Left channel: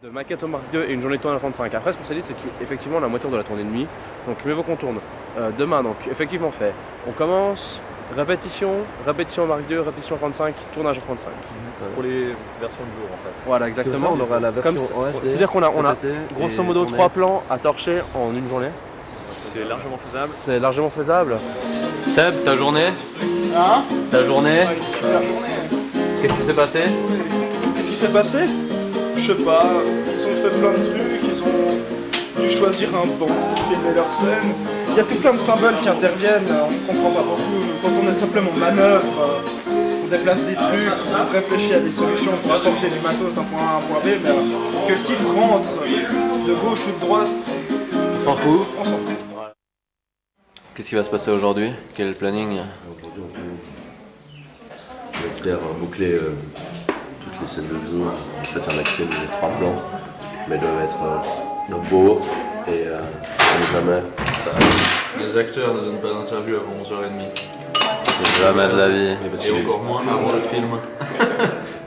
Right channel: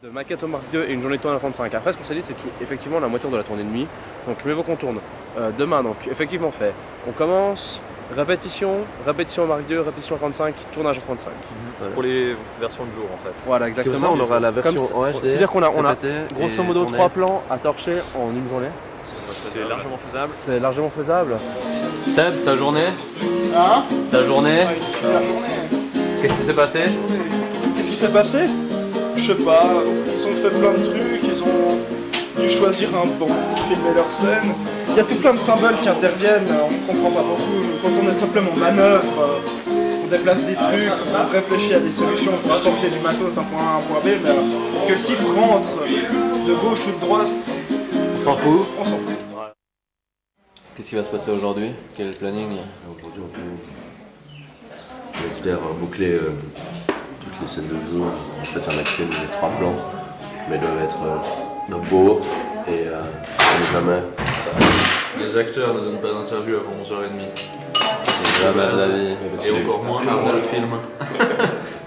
De maquette au Mark II et une journée de tournage 35. Après, ce qu'on s'est dit, c'est qu'effectivement, la moitié de la tournée de nuit. Donc, mieux vaut qu'on tourne demain. Donc, effectivement, fait. On commence répétition au Mark II, répétition 35, tournage 35. Voilà. Pour les versions de jour, en fait. Voilà, exactement. On aura la version en HD. C'est-à-dire qu'on a grosso modo 3 plans à torcher en une journée. C'est largement faisable. C'est largement faisable. Seb, ta journée? Hein? Ta journée? Une super journée. Qu'est-ce qui s'est passé? Qu'est-ce qui s'est passé? Je sais pas, ils ont fait plein de trucs, ils ont dû choisir un banc pour filmer leur scène. Il y a tout plein de symboles qui interviennent, on comprend pas beaucoup. Quand on est simplement manœuvre, on déplace des trucs, on réfléchit à des solutions pour apporter du matos d'un point A à un point B, mais que le type rentre de gauche ou de droite, On s'en fout? on s'en fout. Qu'est-ce qui va se passer aujourd'hui? Quel est le planning? Aujourd'hui, on espère boucler toutes les scènes de jour. En fait, il y en a que les 3 plans, mais ils doivent être beaux et comme jamais. Les acteurs ne donnent pas d'interview avant 11h30. C'est jamais de la vie. Et encore moins avant le film.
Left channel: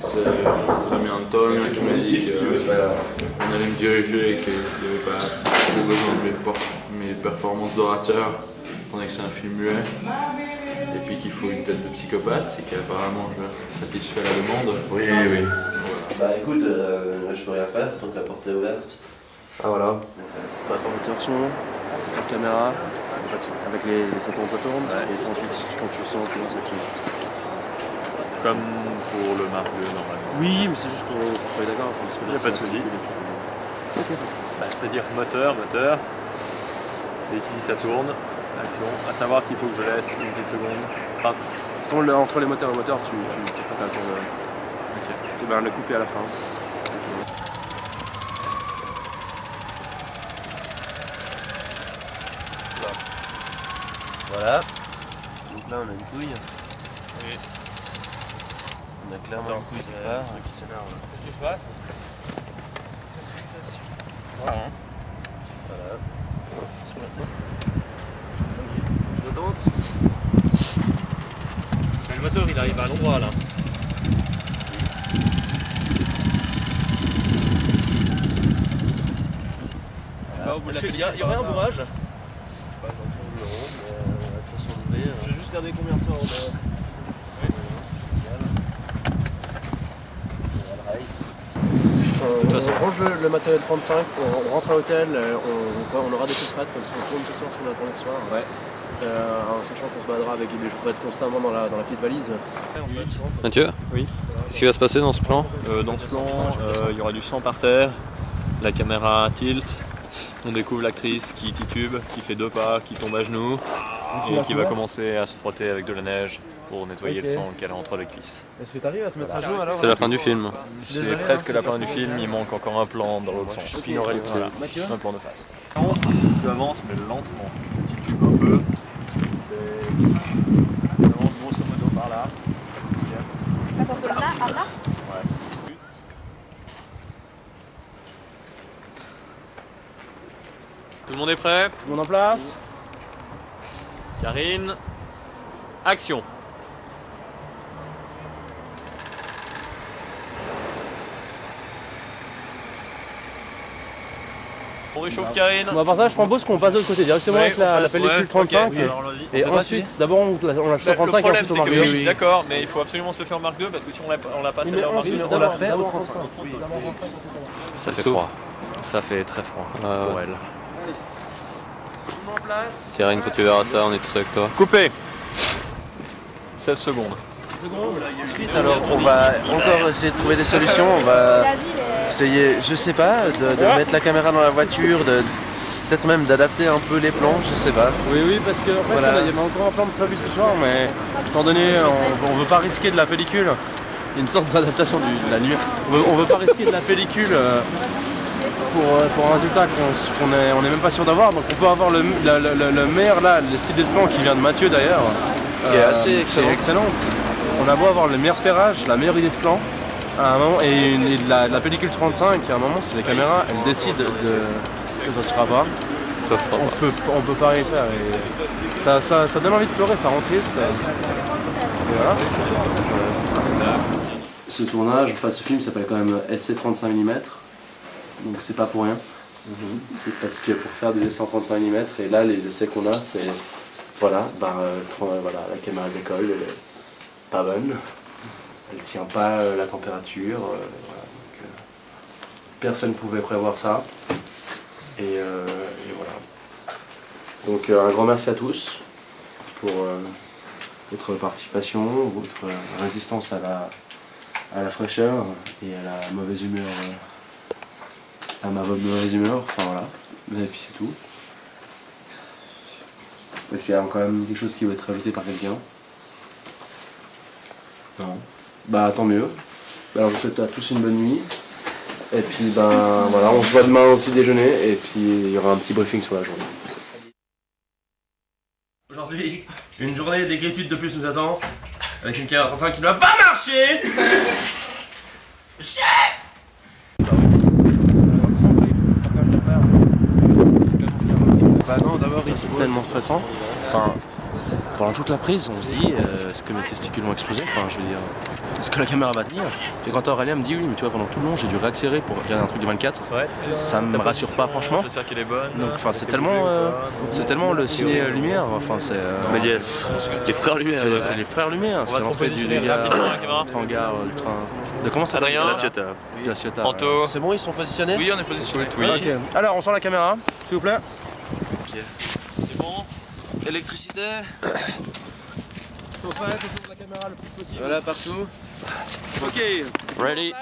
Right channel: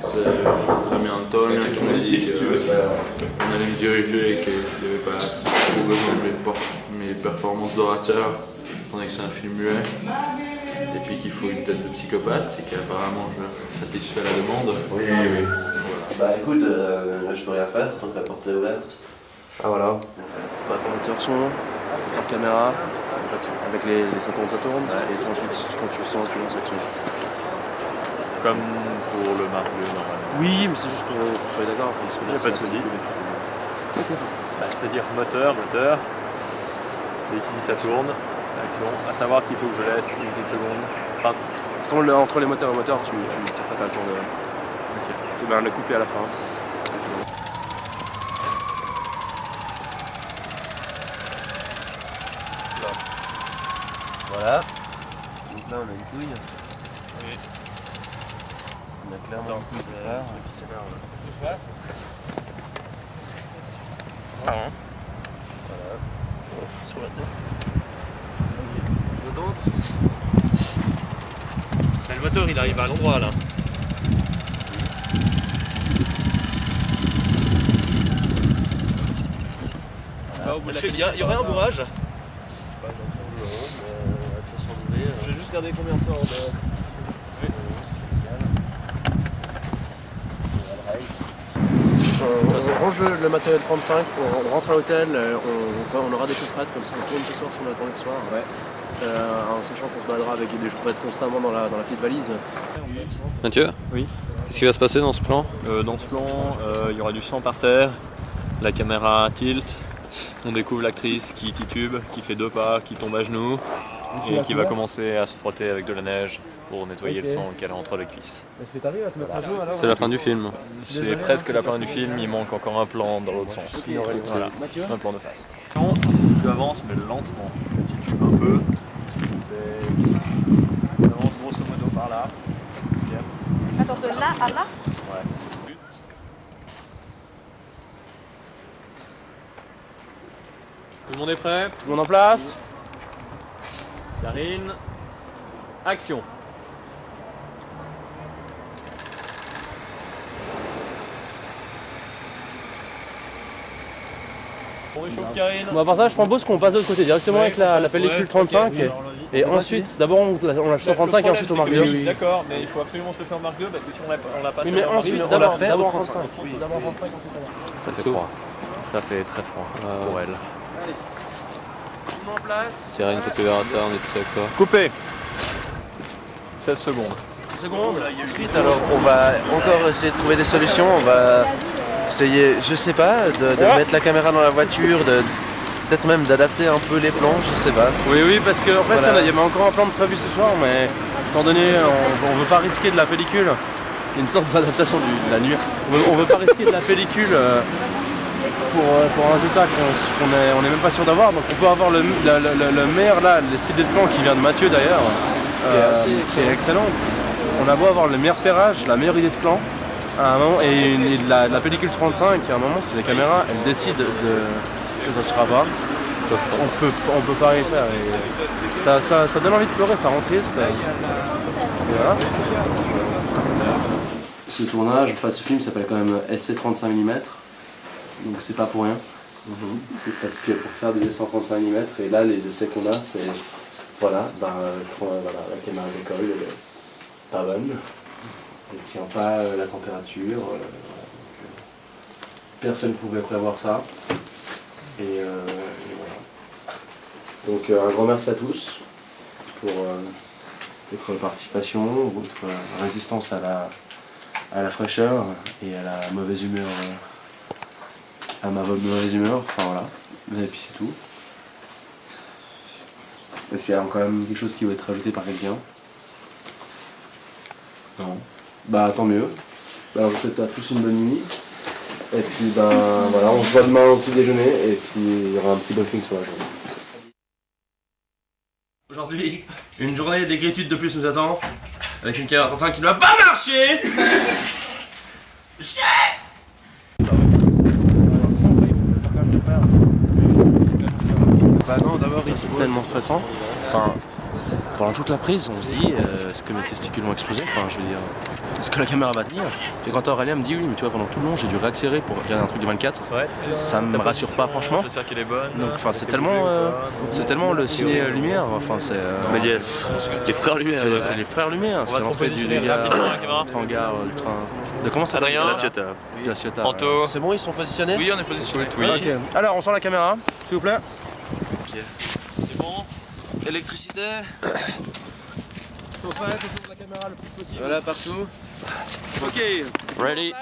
C'est très bien Tom qui m'a dit qu'on allait me diriger et qu'il n'y avait pas trop besoin de mes performances d'orateur, étant donné que c'est un film muet. Et puis qu'il faut une tête de psychopathe, c'est qu'apparemment je satisfais la demande. Oui, oui. Bah écoute, là, je peux rien faire tant que la porte est ouverte. Ah voilà. On va attendre le son, carte caméra, avec les ça tourne, et puis ensuite quand tu sens, tu lances l'action. Comme pour le Mark II, normalement. Oui, mais c'est juste qu'on soit d'accord. Parce que Il n'y a pas de souci. C'est-à-dire moteur, et qui dit ça tourne, action. À savoir qu'il faut que je laisse une petite seconde. Enfin, Entre les moteurs et moteurs, tu n'as pas le temps de. Ok. Ben, le couper à la fin. Voilà. Donc là, on a une couille. Oui. On a clairement une couille qui s'énerve. Voilà. Sur la tête. Je le tente. Le moteur, il arrive à l'endroit là. Il y aurait un bourrage. Je sais pas, j'entends le rond, mais la façon d'ouvrir. Je vais juste regarder combien ça en On range le matériel 35, on rentre à l'hôtel, on aura des choses prêtes, comme ça on tourne ce soir, ce qu'on a tourné ce soir. Ouais. En sachant qu'on se baladera avec des choses prêtes constamment dans la petite valise. Mathieu? Oui. Qu'est-ce qui va se passer dans ce plan? Dans ce plan, il y aura du sang par terre, la caméra tilt, on découvre l'actrice qui titube, qui fait 2 pas, qui tombe à genoux et qui va commencer à se frotter avec de la neige pour nettoyer le sang qu'elle a entre les cuisses. Est-ce que t'arrives à te mettre à genoux alors? C'est la fin du film. C'est presque la fin du film, il manque encore un plan dans l'autre sens. Voilà, un plan de face. Tu avances mais lentement, tu titubes un peu, tu avances grosso modo par là. Attends, de là à là? Ouais. Tout le monde est prêt? Tout le monde en place? Karine, action! On réchauffe Karine. Bon, à part ça, je propose qu'on passe de l'autre côté directement avec la pellicule 35. Okay. Et ensuite, d'abord on la chute 35 et ensuite au Mark II. Oui, d'accord, mais il faut absolument se le faire au Mark II parce que si on l'a pas Mais ensuite, on l'a fait d'abord au 35. 35. Oui. Ça fait froid. Ça fait très froid pour elle. Allez. Tout le monde en place. Karine, quand tu verras ça, on est tous avec toi. Coupé. 16 secondes. 16 secondes. Ensuite, alors, on va encore essayer de trouver des solutions. On va essayer, je sais pas, de mettre la caméra dans la voiture, peut-être même d'adapter un peu les plans, je sais pas. Oui, parce qu'en fait, Voilà. il y avait encore un plan de prévu ce soir, mais étant donné, on veut pas risquer de la pellicule. Il y a une sorte d'adaptation de la nuit. On veut pas risquer de la pellicule pour un résultat qu'on est même pas sûr d'avoir. Donc on peut avoir le meilleur là, le style de plan qui vient de Mathieu d'ailleurs. Qui est assez qui est excellent. On a beau avoir le meilleur pairage, la meilleure idée de plan, à un moment, et la pellicule 35, à un moment, si les caméras elles décident que ça se fera pas, on peut pas rien faire. Et ça donne envie de pleurer, ça rend triste. Et voilà. Ce tournage, enfin ce film s'appelle quand même SC 35 mm. donc c'est pas pour rien. C'est parce que pour faire des essais en 35 mm, et là les essais qu'on a, c'est voilà, la caméra d'école, elle est pas bonne, elle tient pas la température, voilà, donc, personne ne pouvait prévoir ça, et voilà. Donc un grand merci à tous pour votre participation, votre résistance à la fraîcheur et à la mauvaise humeur, à ma mauvaise humeur, enfin voilà, et puis c'est tout. Est-ce qu'il y a quand même quelque chose qui va être rajouté par quelqu'un? Non. Bah tant mieux. Bah, je vous souhaite à tous une bonne nuit. Et puis ben voilà, on se voit demain au petit déjeuner et puis il y aura un petit briefing sur la journée. Aujourd'hui, une journée d'écritude de plus nous attend, avec une caméra 35 qui ne va pas marcher. Bah non, d'abord c'est tellement stressant. Enfin, pendant toute la prise, on se dit est-ce que mes testicules vont exploser? Enfin, je veux dire, est-ce que la caméra va tenir? Et quand Aurélien me dit oui, mais tu vois, pendant tout le long, j'ai dû réaccélérer pour regarder un truc de 24. Ouais. Ça me rassure pas franchement. J'espère qu'elle est bonne. Donc, enfin, c'est tellement le ciné lumière. Enfin, c'est. Mais yes, les frères lumière. C'est les frères lumière. C'est l'entrée du gars, l'entrée en gare du train. De comment ça s'appelle? De la Ciotat. Anto. C'est bon, ils sont positionnés? Oui, on est positionné. Oui. Okay. Alors, on sort la caméra, s'il vous plaît. Ok. C'est bon. Électricité. Chauffage autour de la caméra le plus possible. Voilà, partout. Ok. Ready.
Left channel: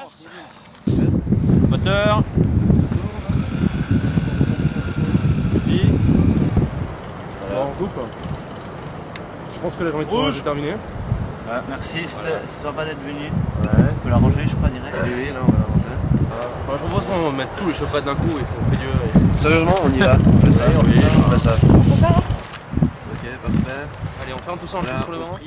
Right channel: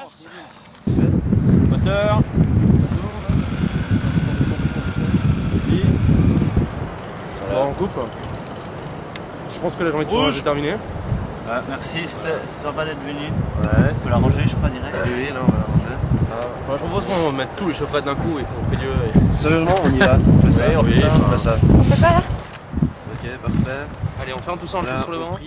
Moteur. Puis. Voilà. Bon, on coupe. Je pense que la journée de tournage est terminée. Ouais, merci, c'était sympa d'être venu. Ouais. Faut la ranger, je crois, direct. Oui, là, on va la ranger. Moi, je propose qu'on mette tous les chaufferettes d'un coup et qu'on prie Dieu. Sérieusement, on y va. On fait ça. Oui, on fait ça. On fait ça. On fait quoi là? Ok, parfait. Allez, on ferme tout ça, on le fout sur le banc.